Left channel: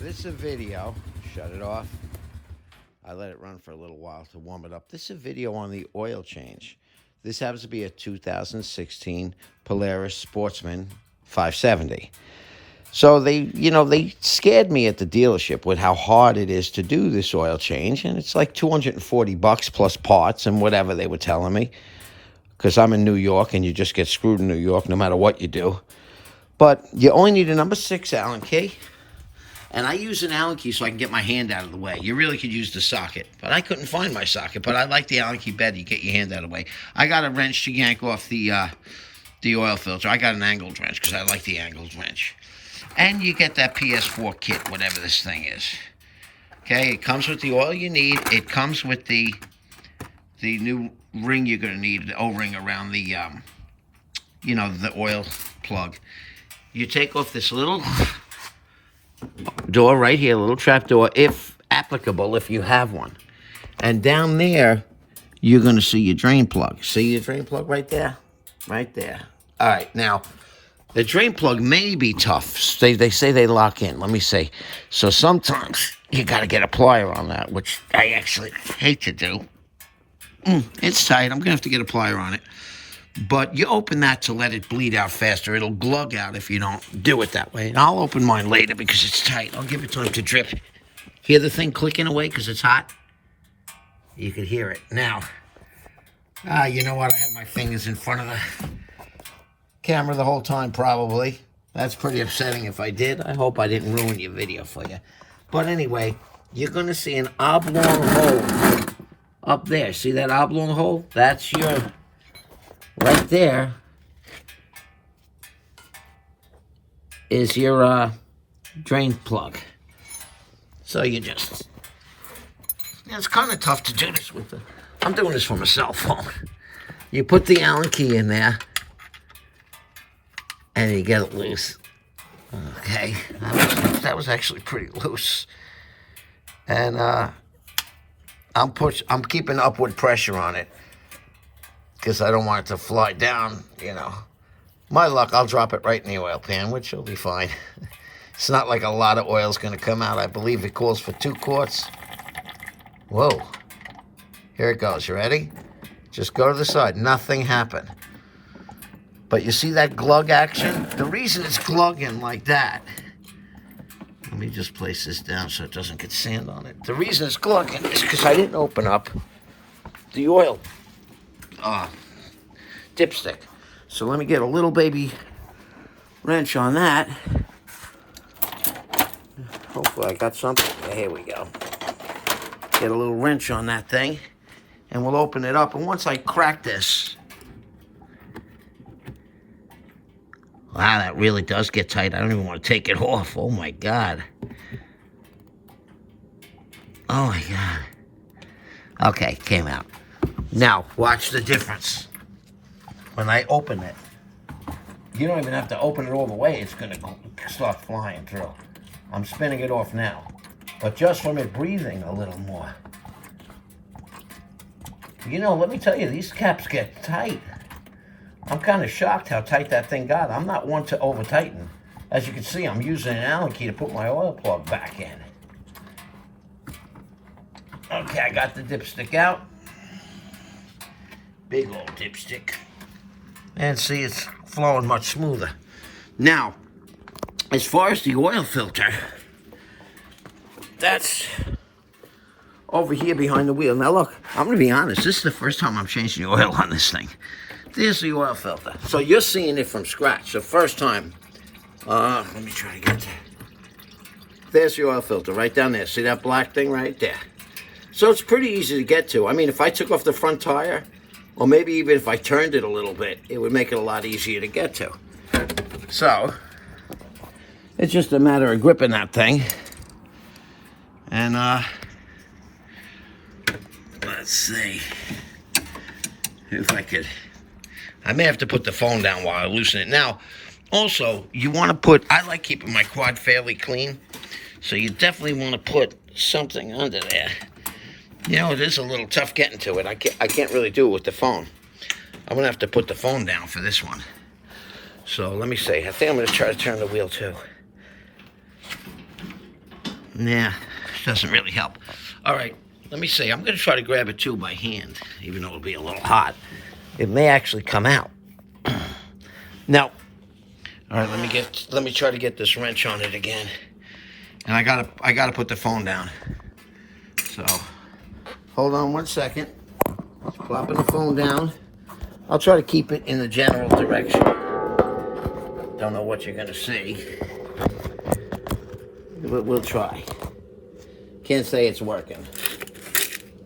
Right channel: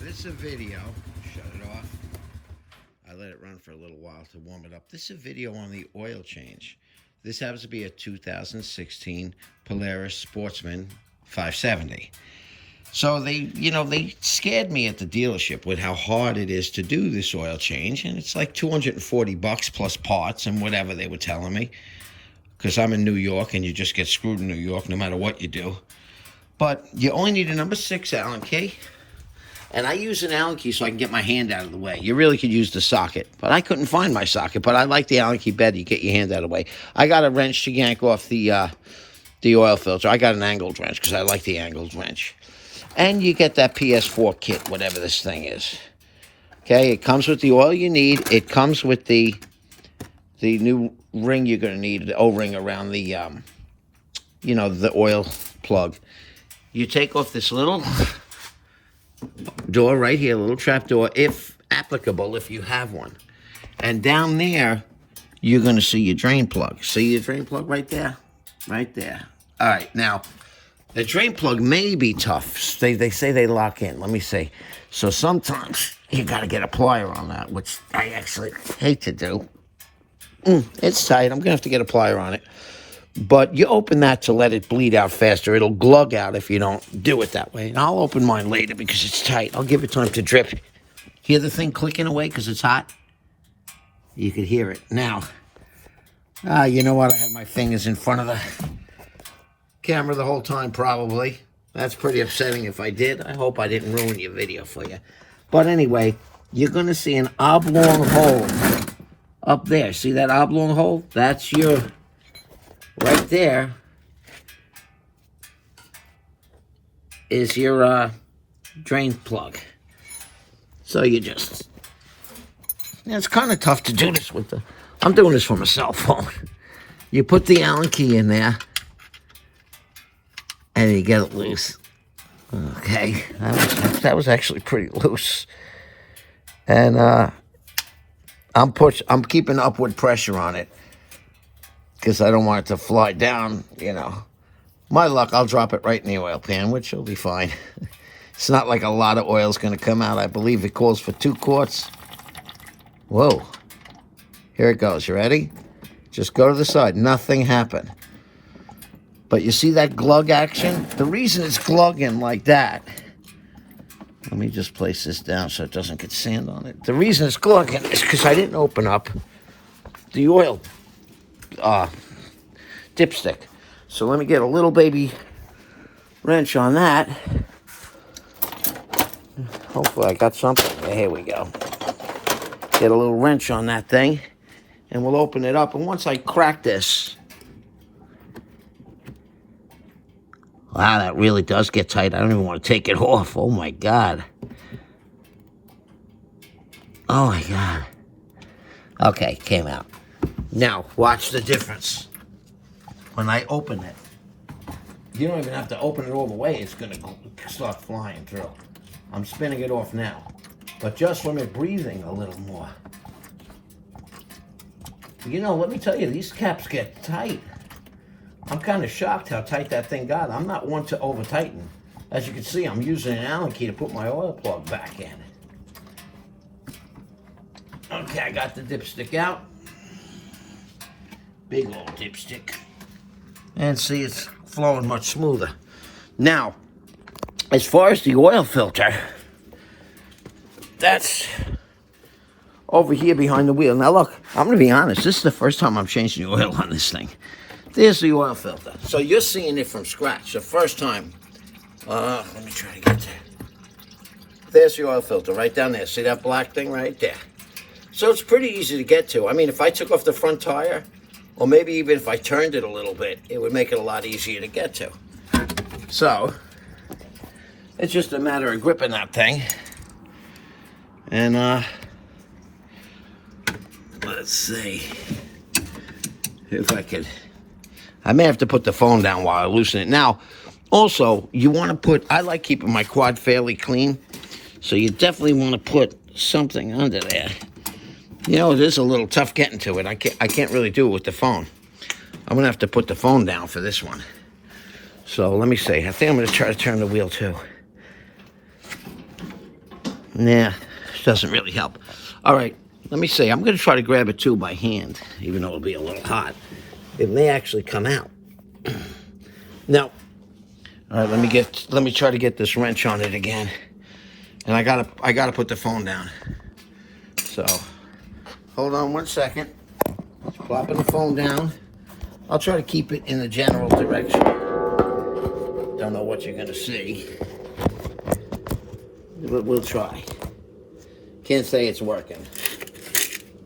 This is a video. Shut it off. I let it run for a little while to warm it up. This is a video on the oil change. This happens to be a 2016 Polaris Sportsman 570. So they scared me at the dealership with how hard it is to do this oil change. And it's like $240 plus parts and whatever they were telling me. Because I'm in New York and you just get screwed in New York no matter what you do. But you only need a number 6 Allen key. And I use an Allen key so I can get my hand out of the way. You really could use the socket. But I couldn't find my socket. But I like the Allen key better. You get your hand out of the way. I got a wrench to yank off the oil filter. I got an angled wrench because I like the angled wrench. And you get that PS4 kit, whatever this thing is. Okay, it comes with the oil you need. It comes with the new ring you're going to need, the O-ring around the, the oil plug. You take off this little door right here, a little trap door, if applicable, if you have one. And down there, you're going to see your drain plug. See your drain plug right there? Right there. All right, now, the drain plug may be tough. They say they lock in. Let me see. So sometimes you got to get a plier on that, which I actually hate to do. It's tight. I'm going to have to get a plier on it. But you open that to let it bleed out faster. It'll glug out if you don't do it that way. And I'll open mine later because it's tight. I'll give it time to drip. Hear the thing clicking away because it's hot? You could hear it. Now, you know what? I had my fingers in front of the camera the whole time, probably. That's pretty upsetting if I did. I hope I didn't ruin your video for you. But anyway, you're going to see an oblong hole up there. See that oblong hole? That's your... right there is your drain plug. So you just... it's kind of tough to do this with the... I'm doing this from a cell phone. You put the Allen key in there, and you get it loose. Okay, that was actually pretty loose. And I'm keeping upward pressure on it because I don't want it to fly down, My luck, I'll drop it right in the oil pan, which will be fine. It's not like a lot of oil's going to come out. I believe it calls for 2 quarts. Whoa. Here it goes. You ready? Just go to the side. Nothing happened. But you see that glug action? The reason it's glugging like that... let me just place this down so it doesn't get sand on it. The reason it's glugging is because I didn't open up the oil dipstick. So let me get a little baby wrench on that. Hopefully I got something. Here we go. Get a little wrench on that thing. And we'll open it up. And once I crack this... wow, that really does get tight. I don't even want to take it off. Oh, my God. Oh, my God. Okay, came out. Now, watch the difference. When I open it, you don't even have to open it all the way. It's going to start flying through. I'm spinning it off now. But just from it breathing a little more. Let me tell you, these caps get tight. I'm kind of shocked how tight that thing got. I'm not one to over-tighten. As you can see, I'm using an Allen key to put my oil plug back in. Okay, I got the dipstick out. Big old dipstick. And see, it's flowing much smoother. Now, as far as the oil filter, that's over here behind the wheel. Now, look, I'm going to be honest. This is the first time I'm changing the oil on this thing. There's the oil filter. So you're seeing it from scratch. The first time. Let me try to get there. There's the oil filter right down there. See that black thing right there? So it's pretty easy to get to. I mean, if I took off the front tire, or maybe even if I turned it a little bit, it would make it a lot easier to get to. So, it's just a matter of gripping that thing. And, let's see if I could... I may have to put the phone down while I loosen it. Now, also, you want to put... I like keeping my quad fairly clean. So you definitely want to put something under there. It is a little tough getting to it. I can't really do it with the phone. I'm going to have to put the phone down for this one. So let me see. I think I'm going to try to turn the wheel too. Nah, doesn't really help. All right, let me see. I'm going to try to grab it too by hand, even though it'll be a little hot. It may actually come out. Now, all right, let me try to get this wrench on it again. And I gotta put the phone down. So, hold on 1 second. Plopping the phone down. I'll try to keep it in the general direction. Don't know what you're gonna see. We'll try. Can't say it's working.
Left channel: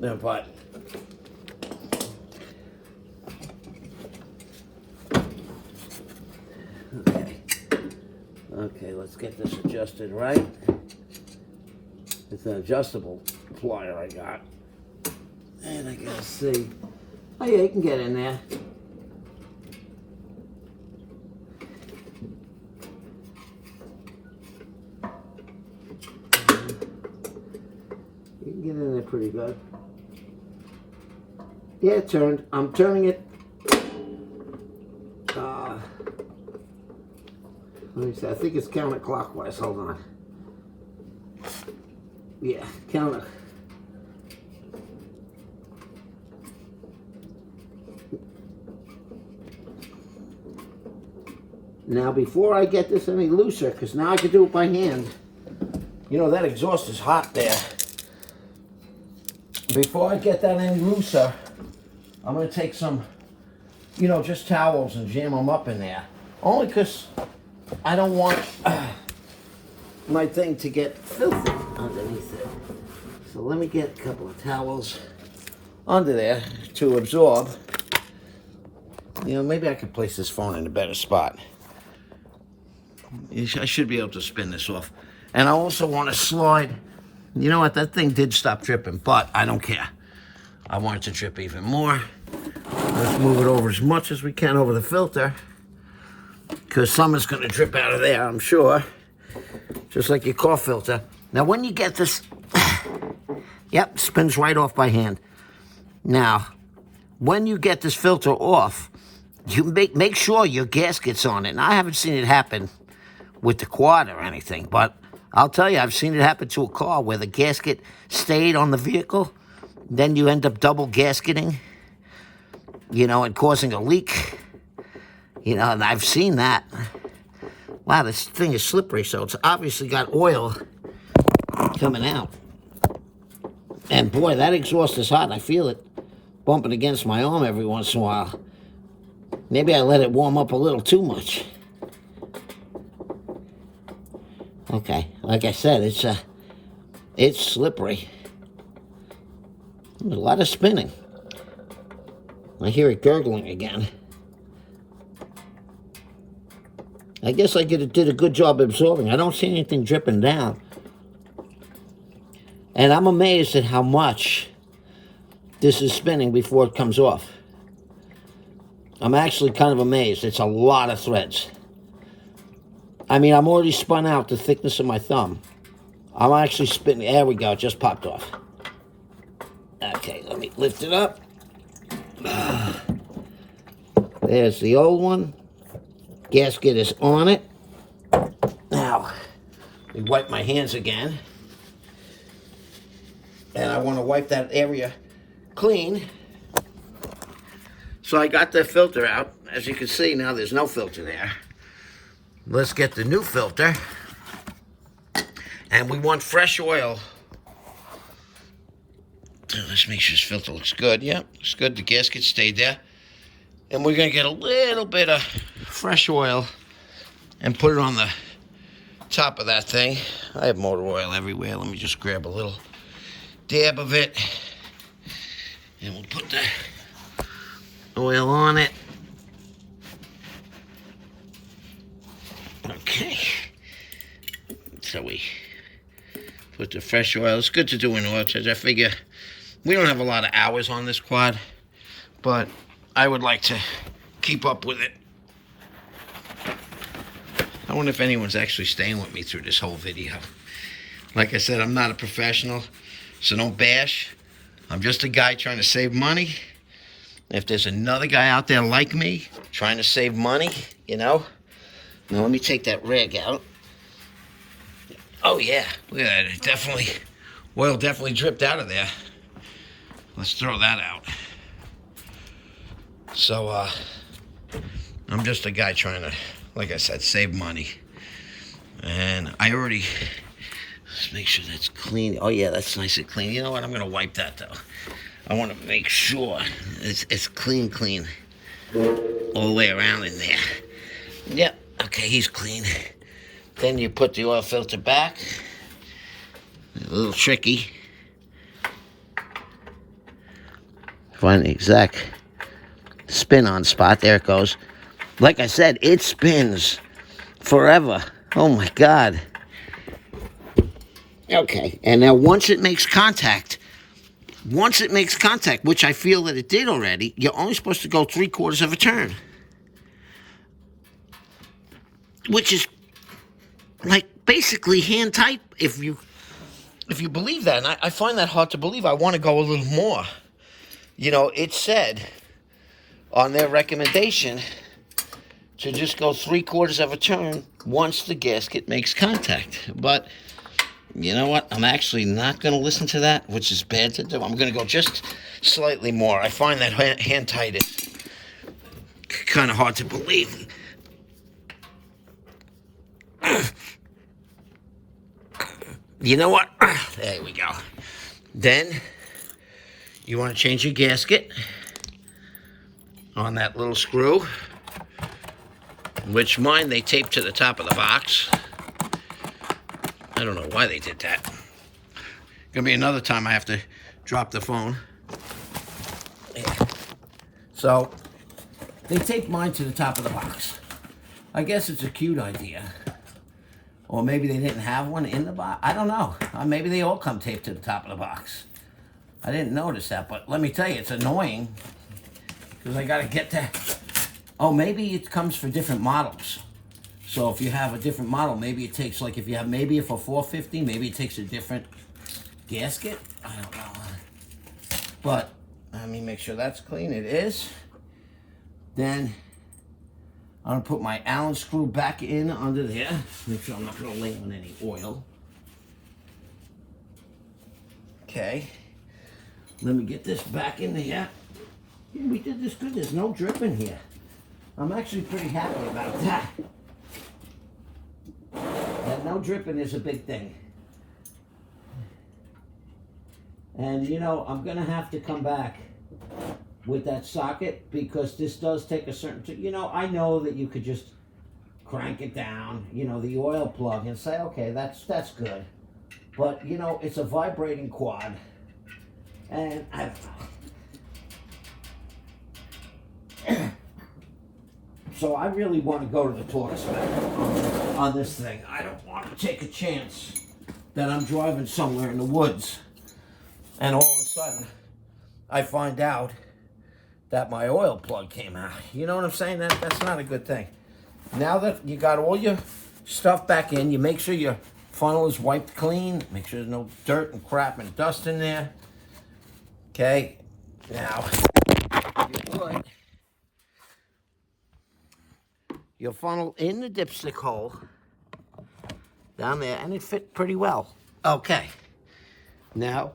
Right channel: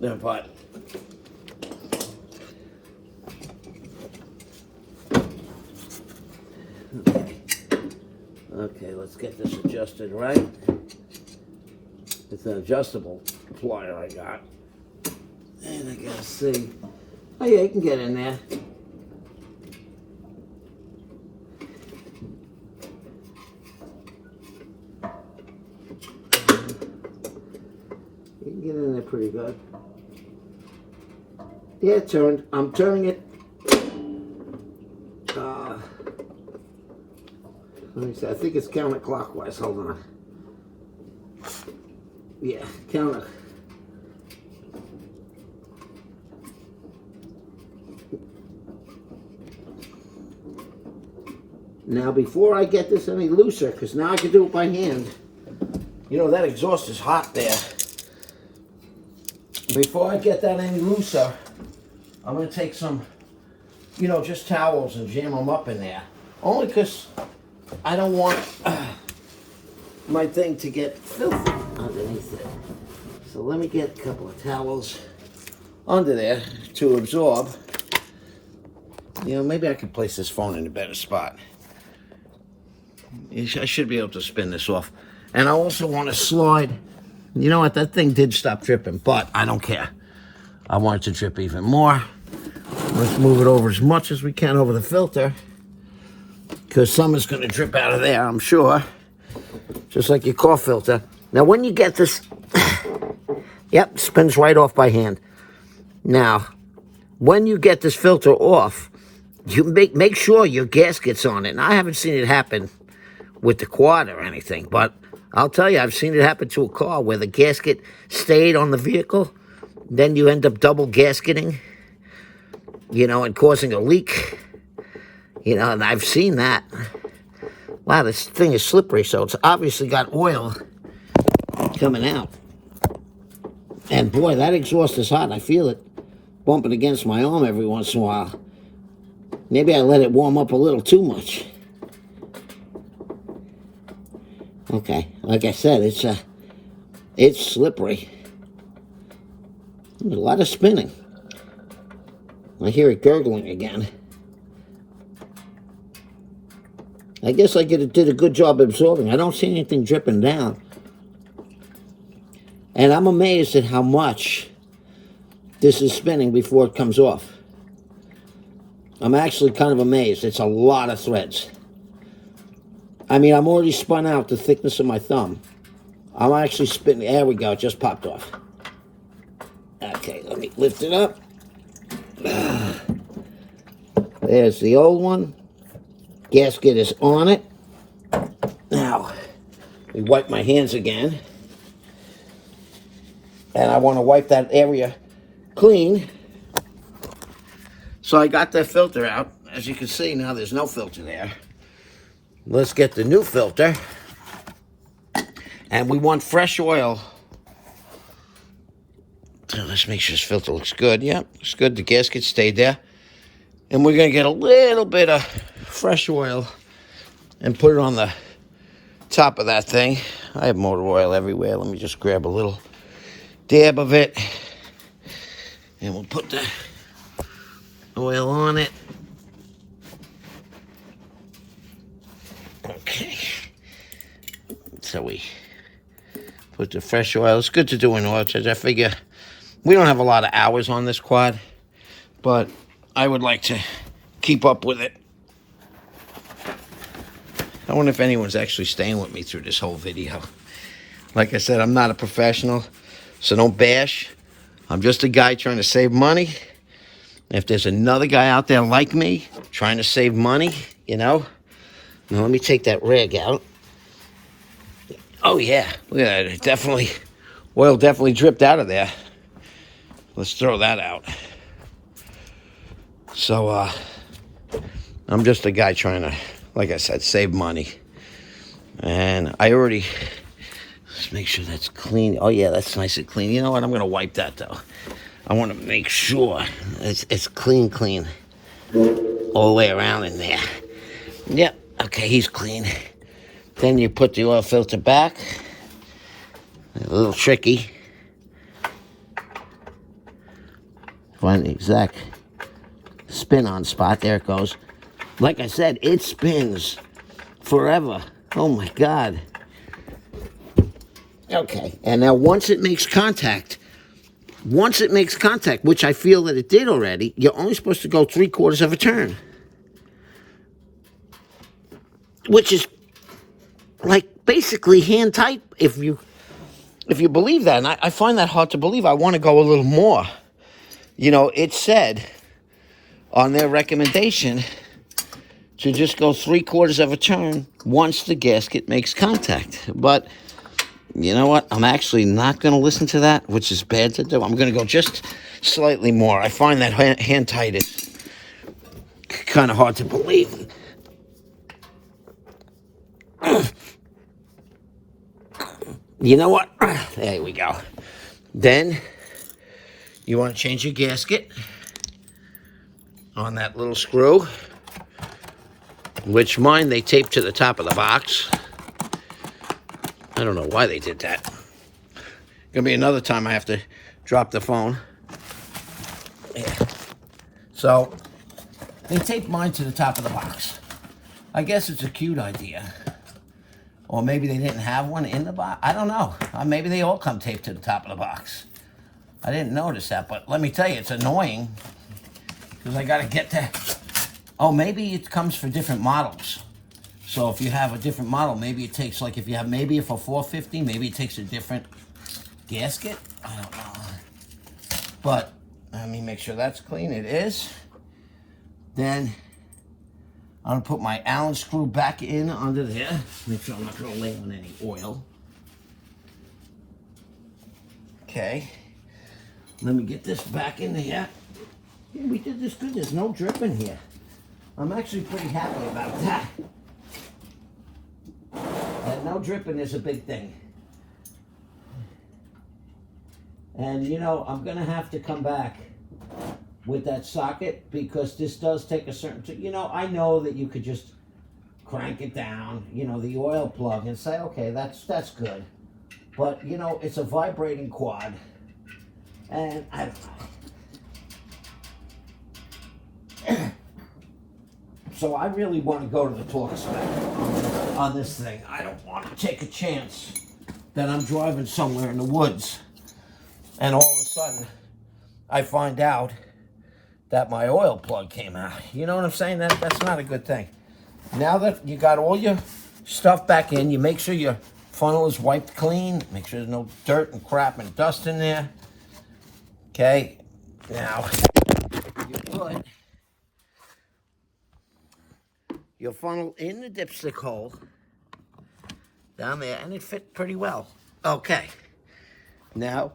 But okay, let's get this adjusted right. It's an adjustable plier I got. And I gotta see. Oh yeah, you can get in there. You can get in there pretty good. Yeah, it turned. I'm turning it. Let me see. I think it's counterclockwise. Hold on. Yeah, counter. Now, before I get this any looser, because now I can do it by hand. You know, that exhaust is hot there. Before I get that any looser, I'm going to take some, you know, just towels and jam them up in there. Only because I don't want my thing to get filthy underneath it. So let me get a couple of towels under there to absorb. You know, maybe I could place this phone in a better spot. I should be able to spin this off. And I also want to slide. You know what? That thing did stop dripping, but I don't care. I want it to drip even more. Let's move it over as much as we can over the filter, because some is going to drip out of there, I'm sure. Just like your car filter. Now, when you get this, yep, spins right off by hand. Now, when you get this filter off, you make sure your gasket's on it. Now, I haven't seen it happen with the quad or anything, but I'll tell you, I've seen it happen to a car where the gasket stayed on the vehicle. Then you end up double gasketing, you know, and causing a leak. You know, and I've seen that. Wow, this thing is slippery, so it's obviously got oil coming out. And boy, that exhaust is hot. I feel it bumping against my arm every once in a while. Maybe I let it warm up a little too much. Okay, like I said, it's slippery. There's a lot of spinning. I hear it gurgling again. I guess I did a good job absorbing. I don't see anything dripping down. And I'm amazed at how much this is spinning before it comes off. I'm actually kind of amazed. It's a lot of threads. I mean, I'm already spun out the thickness of my thumb. I'm actually spinning. There we go. It just popped off. Okay, let me lift it up. There's the old one. Gasket is on it. Now, we wipe my hands again. And I want to wipe that area clean. So I got the filter out. As you can see, now there's no filter there. Let's get the new filter. And we want fresh oil. Let's make sure this filter looks good. Yeah, looks good. The gasket stayed there. And we're going to get a little bit of fresh oil and put it on the top of that thing. I have motor oil everywhere. Let me just grab a little dab of it. And we'll put the oil on it. Okay. So we put the fresh oil. It's good to do in oil change. I figure we don't have a lot of hours on this quad, but I would like to keep up with it. I wonder if anyone's actually staying with me through this whole video. Like I said, I'm not a professional, so don't bash. I'm just a guy trying to save money. If there's another guy out there like me, trying to save money, you know. Now let me take that rag out. Oh yeah, look at that. It definitely, oil definitely dripped out of there. Let's throw that out. So, I'm just a guy trying to, like I said, save money. And I already, let's make sure that's clean. Oh yeah, that's nice and clean. You know what, I'm gonna wipe that though. I wanna make sure it's clean. All the way around in there. Yep, okay, he's clean. Then you put the oil filter back. A little tricky. Find the exact spin-on spot. There it goes. Like I said, it spins forever. Oh my God. Okay, and now once it makes contact, which I feel that it did already, you're only supposed to go 3/4 of a turn. Which is like basically hand tight if you believe that. And I find that hard to believe. I want to go a little more. You know, it said on their recommendation to just go 3/4 of a turn once the gasket makes contact. But you know what? I'm actually not going to listen to that, which is bad to do. I'm going to go just slightly more. I find that hand tight is kind of hard to believe. You know what? There we go. Then you want to change your gasket on that little screw, which mine they taped to the top of the box. I don't know why they did that. Gonna be another time I have to drop the phone. Yeah. So they taped mine to the top of the box. I guess it's a cute idea. Or maybe they didn't have one in the box. I don't know. Maybe they all come taped to the top of the box. I didn't notice that, but let me tell you, it's annoying. Because I gotta get that. Oh, maybe it comes for different models. So if you have a different model, maybe it takes, like if you have maybe for 450, maybe it takes a different gasket. I don't know. But let me make sure that's clean. It is. Then I'm gonna put my Allen screw back in under there. Make sure I'm not gonna lay on any oil. Okay. Let me get this back in there. Yeah, we did this good. There's no drip in here. I'm actually pretty happy about that. That no dripping is a big thing. And you know, I'm gonna have to come back with that socket because this does take a certain, you know, I know that you could just crank it down, you know, the oil plug and say, okay, that's good. But, you know, it's a vibrating quad. And I don't know. So I really want to go to the torque spec on this thing. I don't want to take a chance that I'm driving somewhere in the woods and all of a sudden I find out that my oil plug came out. You know what I'm saying? That's not a good thing. Now that you got all your stuff back in, you make sure your funnel is wiped clean. Make sure there's no dirt and crap and dust in there. Okay, now you put your funnel in the dipstick hole down there, and it fit pretty well. Okay, now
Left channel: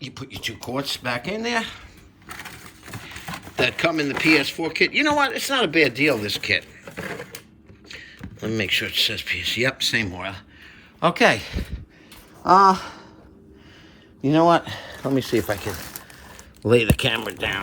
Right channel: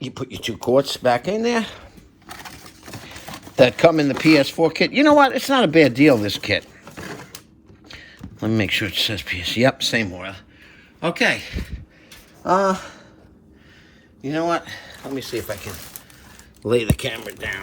you put your 2 quarts back in there that come in the PS4 kit. You know what? It's not a bad deal, this kit. Let me make sure it says PS. Yep, same oil. Okay. You know what? Let me see if I can lay the camera down.